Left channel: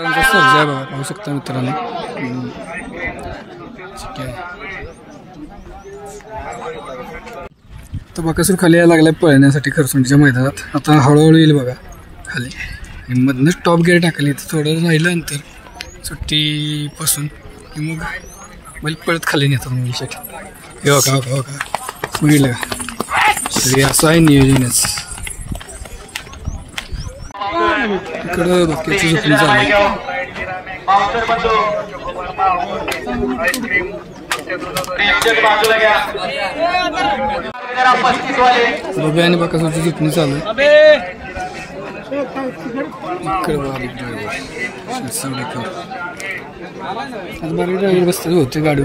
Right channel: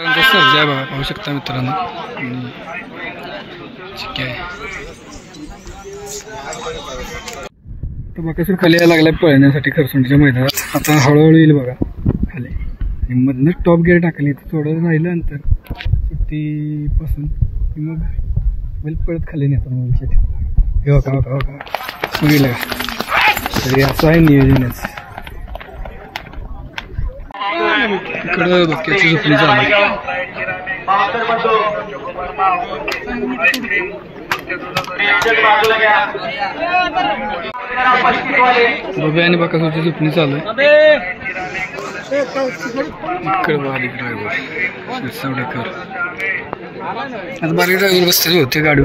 सर्जा आहे बघा, पाहू शकता मित्रांनो. ठीक आहे. तर बकासूर खाली यायला लागलाय पळण्यासाठी खरसुंडीच्या मैदानात. आता हळूहळू येईल बघा खाली आणि मधनंच टॉप गेअर टाकली. तर थोडं राहिलं अंतर सुट्टीपासून की मग बैल पळत खाली नेतात मुलीसाठी. हे बघा बघा बघा बघितलं का. तरी असं आहे नियोजनच. इकडं बक्याची झोपणी चालू आहे. बघा आणि बकासूरची झोपणी चालू आहे. इकडे बारीक ड्रायव्हर शिरसावडेकर. आता बारीक ड्रायव्हर बसलेले होते गाडी.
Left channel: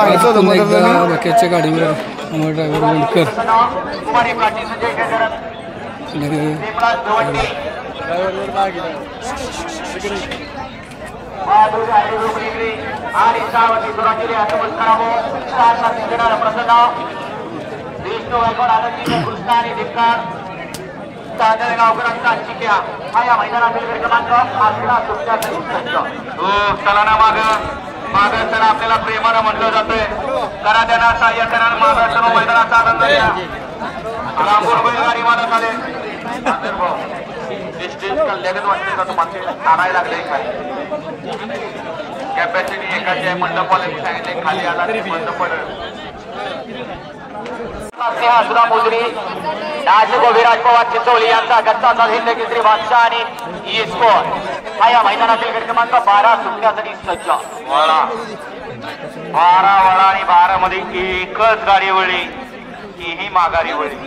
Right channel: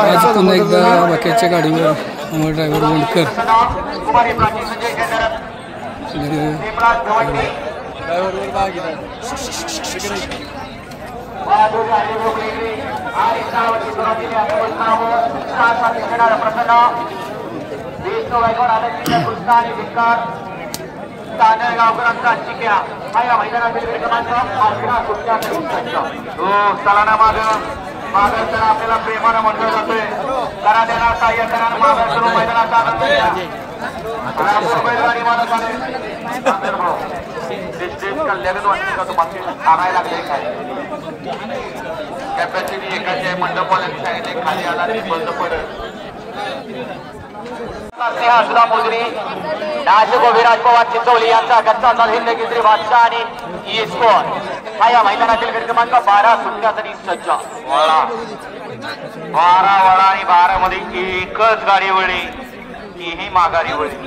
आज पुन्हा एकदा बाक्याच्या गाडीवर अमर ड्रायव्हर वंडकर. गावकरांचा चिक्या हा या मैदानातील क्रमांक 11 सुट्ट्यासाठी सज्ज. मागं आपल्याला प्रेमानं म्हटलं जातोय. करा त्यांना सहाय्य करा. सर्व मैदानाचा आनंद घ्या. बैलगाडी मालक आले. लगेच वाटते का तुम्हाला आणायला लागले काय कॅपॅसिटी एकाची मंडपवाल्याची आहे. खाली आला तरी बंद पडत. सुधा मोजरी नाशिक विराज पवार चिंचवली यांचा गच्चा चाल हिंद केसरी बादशाह आणि स्कोर हा या मैदानातील क्रमांक 12 सुट्ट्यासाठी सज्ज. वळा 12 वळा आणि 12 मध्ये एकच गाडी वळली तीही माघारी वळली.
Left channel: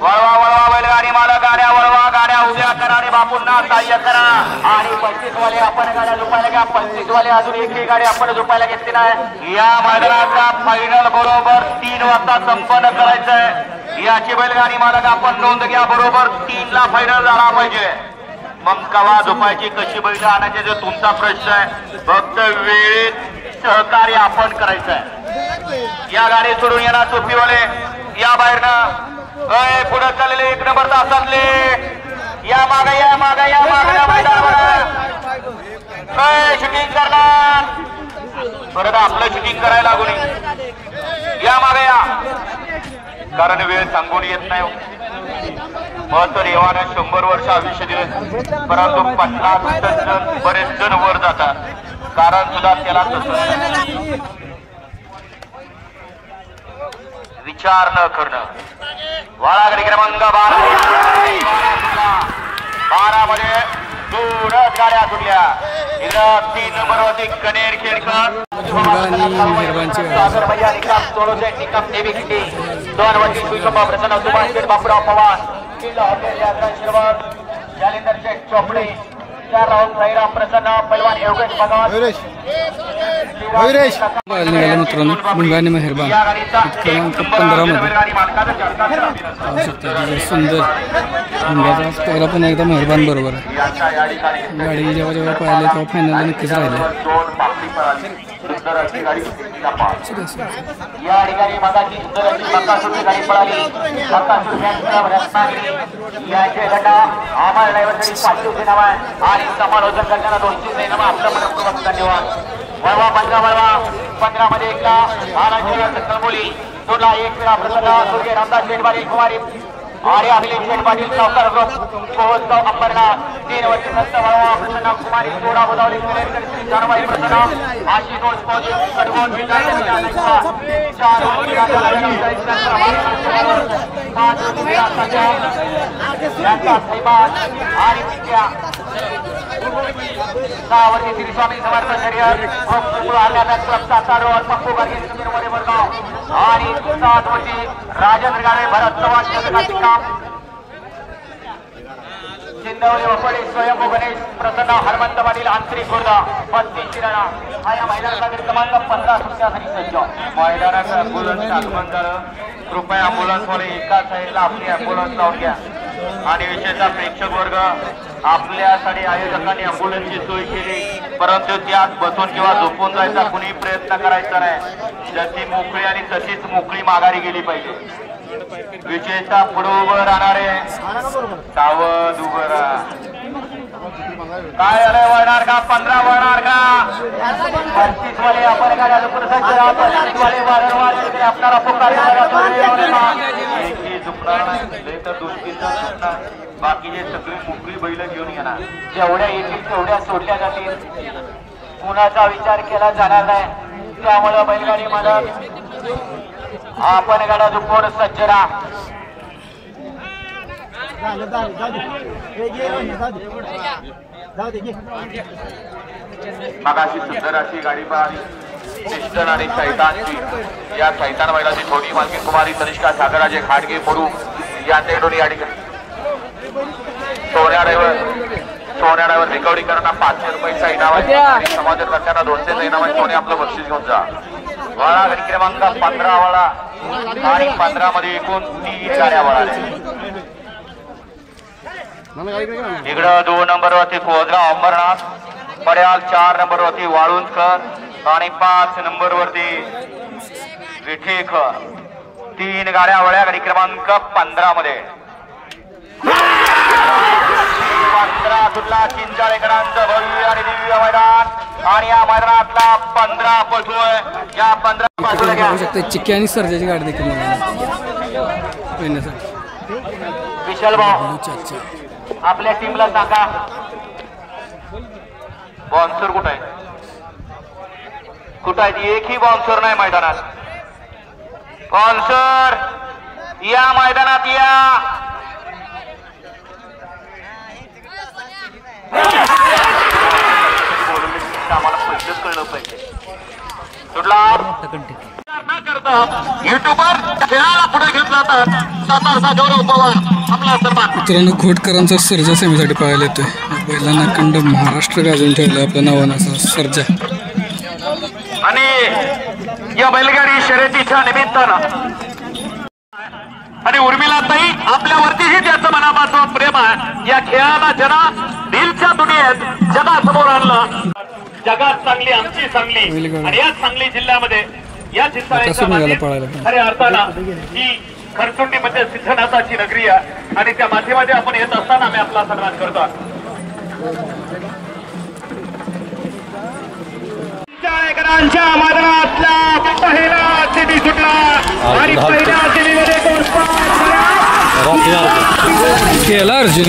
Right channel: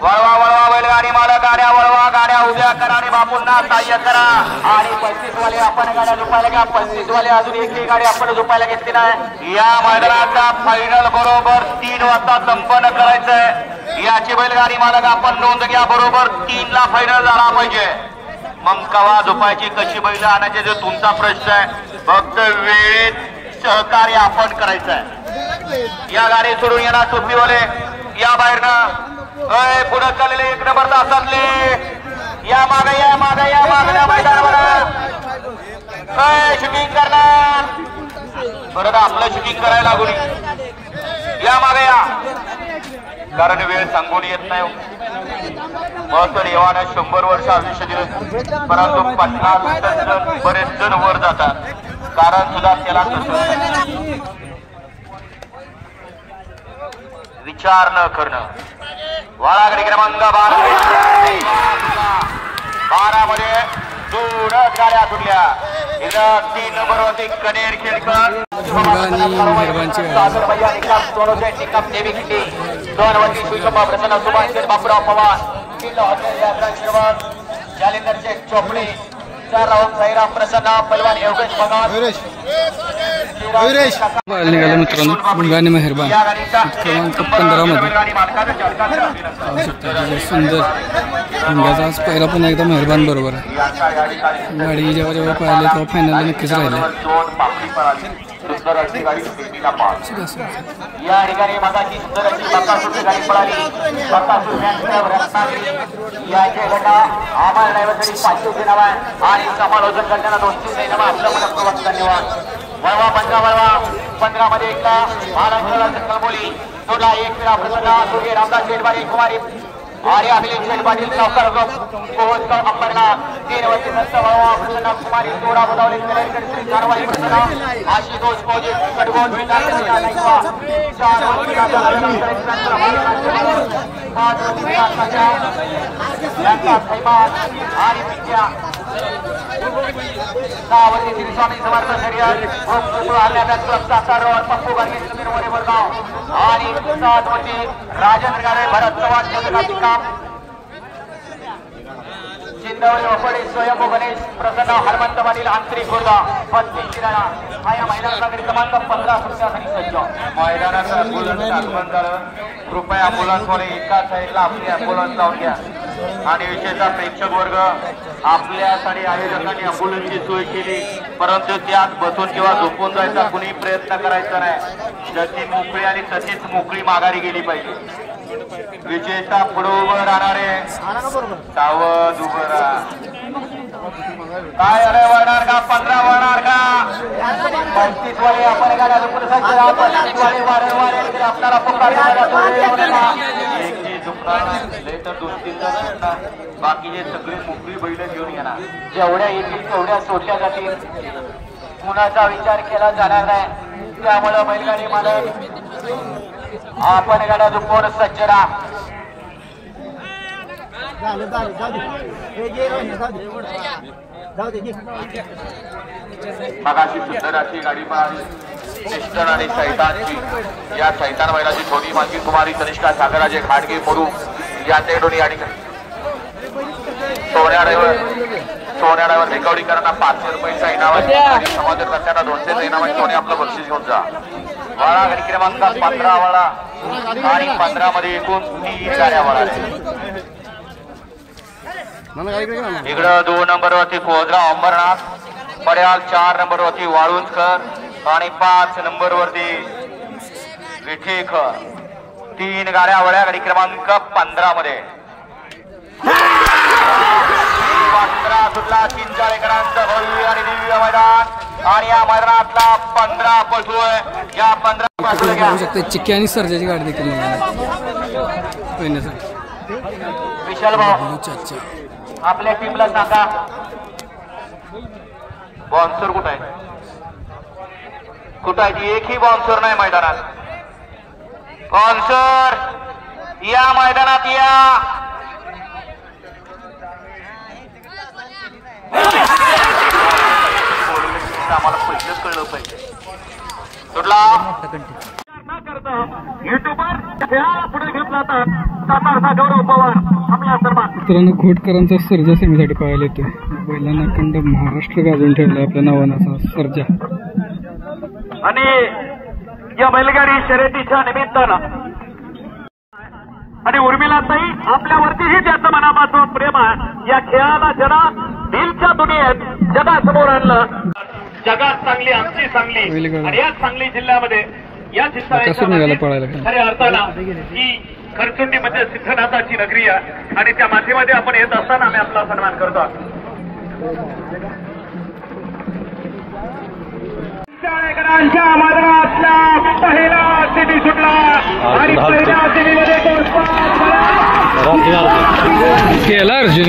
वळवा वळवा बैलगाडी मालक गाड्या वळवा. गाड्या उभ्या करा आणि बापूंना सहाय्य करा. आणि 35 वाले आपण गाड्या झोपायला घ्या. 35 वाले अजून एकही गाडी आपण झोपायला घेतली नाही. या मैदानाचा फायनल बरोबर 3 वाजता संपन्न करायचंय. याची बैलगाडी मालक आपण नोंद घ्या. बरोबर 3 ला फायनल झाला पाहिजे. मग कवा झोपायची कशी बैल आणायचे जो तुमचा प्रश्न आहे. फक्त वेळेत सहकार्य आपण करायचंय. या गाडी सोडून येणार टोपीवाले या बाहेरनं पुढे चाललेले 1 नंबर तासातले या मागे या मागे या शूटिंग करणार. परत आपलं शूटिंग करायला लागून या मागे या. कारण वेळ सांगून येत नाही. मग तर येवानं 100 वर्ष आयुष्य दिले. परंतु 50 बरेच जण वर जातात. कारण सुद्धा त्याला विचार न करणं. वाळागडी क्रमांक 12 मध्ये 2 गाड्या सुटल्या. इथं 3 नंबर होते कनेर खेळकर सागर भैया निकाम सोनोचे निकाम देवी खिंडी 2 वरती शिवशंभा प्रसन्न सुभाष शेठ बापूराव पवार 3 हॉटेल यात्रा शिरवत जालिंदर शेठ चोपडे 4 राऊंड साईराम प्रसन्न पैलवान योगेश भगवान निघाले मित्रांनो. मुंगाने मेहरबान क्रमांक 15 मध्ये पाहू शकता. सुंदर मुंग्याचा आज पहिला पण एकदा मेहरबान बरोबर आहे. गाडी जेव्हा जेव्हा पाहिले तेव्हा फायनल नक्कीच राहिले. या ठिकाणी मगाची सुंदर गाडी पळाली. आम्हाला ड्रायव्हरसाठी 700 नाव आहे आणि समालोचन करताना 200 नाव. आपलं मनपूर्वक धन्यवाद. वळवा 15 वळवा 15 मध्ये एकला महाराष्ट्राला कळमोली सोडला. 1 वेळा प्रसन्न स्वर्गीय रामदास शेठबारी कुमारी आर्य अखिलेश शेठ पाटील सावकार ग्रुप कोहजगाव अंबरनाथ 3 वरती संत वळवा प्रसन्न कुमारी सोडा बोलावली कारवाई प्रसन्न आशितोष कडगोन स्वामी समर्थ शरीर पप्पू गाडगे समीर मोरे वडगाव आणि 7 वरती राजेंद्र गाडे भरत चव्हाण जगन्नाथ काम चिंदवली वपडे स्वयंभू गणेश प्रसन्न हनुमंत पाटील आंतरिक खुर्दा 35 शिराळा हा या मैदानाचा क्रमांक 15 सुट्ट्यासाठी सज्ज. मैदानाचं ॲम्ब्युलन्स आगमन झालं. कृपया ॲम्ब्युलन्सवाले एका साईडला आपली ॲम्ब्युलन्स लावून घ्या. आणि विशेषतः प्रेक्षक वर्ग आपल्यासाठी आयोजकांनी अँब्युलन्सची सोय केली, परंतु त्यात बसून किंवा झोपून जायचा कुणी प्रयत्न करायचा नाही. जशी मोकळी आणि तशीच मोकळी माघारी गेली पाहिजे. विजेता पुढे उभं राहणारे सावध उभं राहा. काय अरे वळणार का 15 वळणार का 35 वाले आपण गाड्या झुकणार 35 वाले वारंवार आपल्याला बाकीचे सगळे मोकळी बैल घेऊन येणार. जेवढ्या येतील तेवढ्या सोडल्या जातील, कुणाचा विचार केला जाणार नाही. त्यामुळे बैलगाडी मालक आपण गाडा झुकवून सज्ज राहा. मगाशी सुंदर अशी गाडी पाहिली पिस्टन आणि सैतानची. या सैतान बैलाची छोटी मालकी कुमारी तनिष्का सागराजे घाटगे मोडू यांच्याकडून या ठिकाणी सोन्या ड्रायव्हर रिकव्हरी करताना 500 रुपयाचा इनाम आहे. समाजकर्त्यांना 200 इनाम आहे. सोने आपलं बक्षीस घेऊन जा. वळा गाडी क्रमांक 15 वळा आणि 15 मध्ये एकूण 3 गाड्या वळाल्या. इकडं 2 नंबरवरती कोजरा अंबरनाथ, पड्याल 4 नंबरवरती वाळुंजकर आणि 5 नंबरवरती विठेकर. 3 गाड्या वळ्या गाडी क्रमांक 15 मध्ये. 15 सुटला चिंचाळेकरांचं भव्य आणि दिव्य मैदान आणि या मैदानातला 15 पळतोय. या 15 चिक्की आणि सर्जाची गाडी देखील विशाल भाऊ आपल्या टीमला सांगा बॉन्सर कुठं आहे, कुठं आहे? एकही बॉन्सर नाही मैदानात. बॉन्सर या मैदानात या. आम्हाला पहिलेच कळलं पाहिजे. सुटला युट्यूबर खेळाला पुढे घेतला तर समाजचा गौरव पवार आपला सन्मान. मित्रांनो, घोटकरांचा सर्जा सेमीसाठी पाहायला येतोय. बैलांना अखंड महाराष्ट्र गाजून ठेवलं आपल्या नावानं असा सर्जा. आणि या बैलगाडी शर्यतीच्या निमित्तानं आणि उर्मिलाताई आपल्यावरतीही त्याचं मनापासून प्रेम आहे. या खेळाला जरा दिलच्या दुनियेत जगासमोर आणलं. जगात चांगली आमची चांगली आणि या सांगली जिल्ह्यामध्ये या खऱ्या अर्थानं ही खरसुंडी म्हणजे सिद्धनाथाची नगरी आहे आणि त्या माध्यमामध्ये आपण येत असताना आम्ही आपला सन्मान करतो. चिंचाळेकरांच्या मैदानातला पहिला सिटी सुटला आणि पहिल्या सिटीमध्ये केला अर्जुन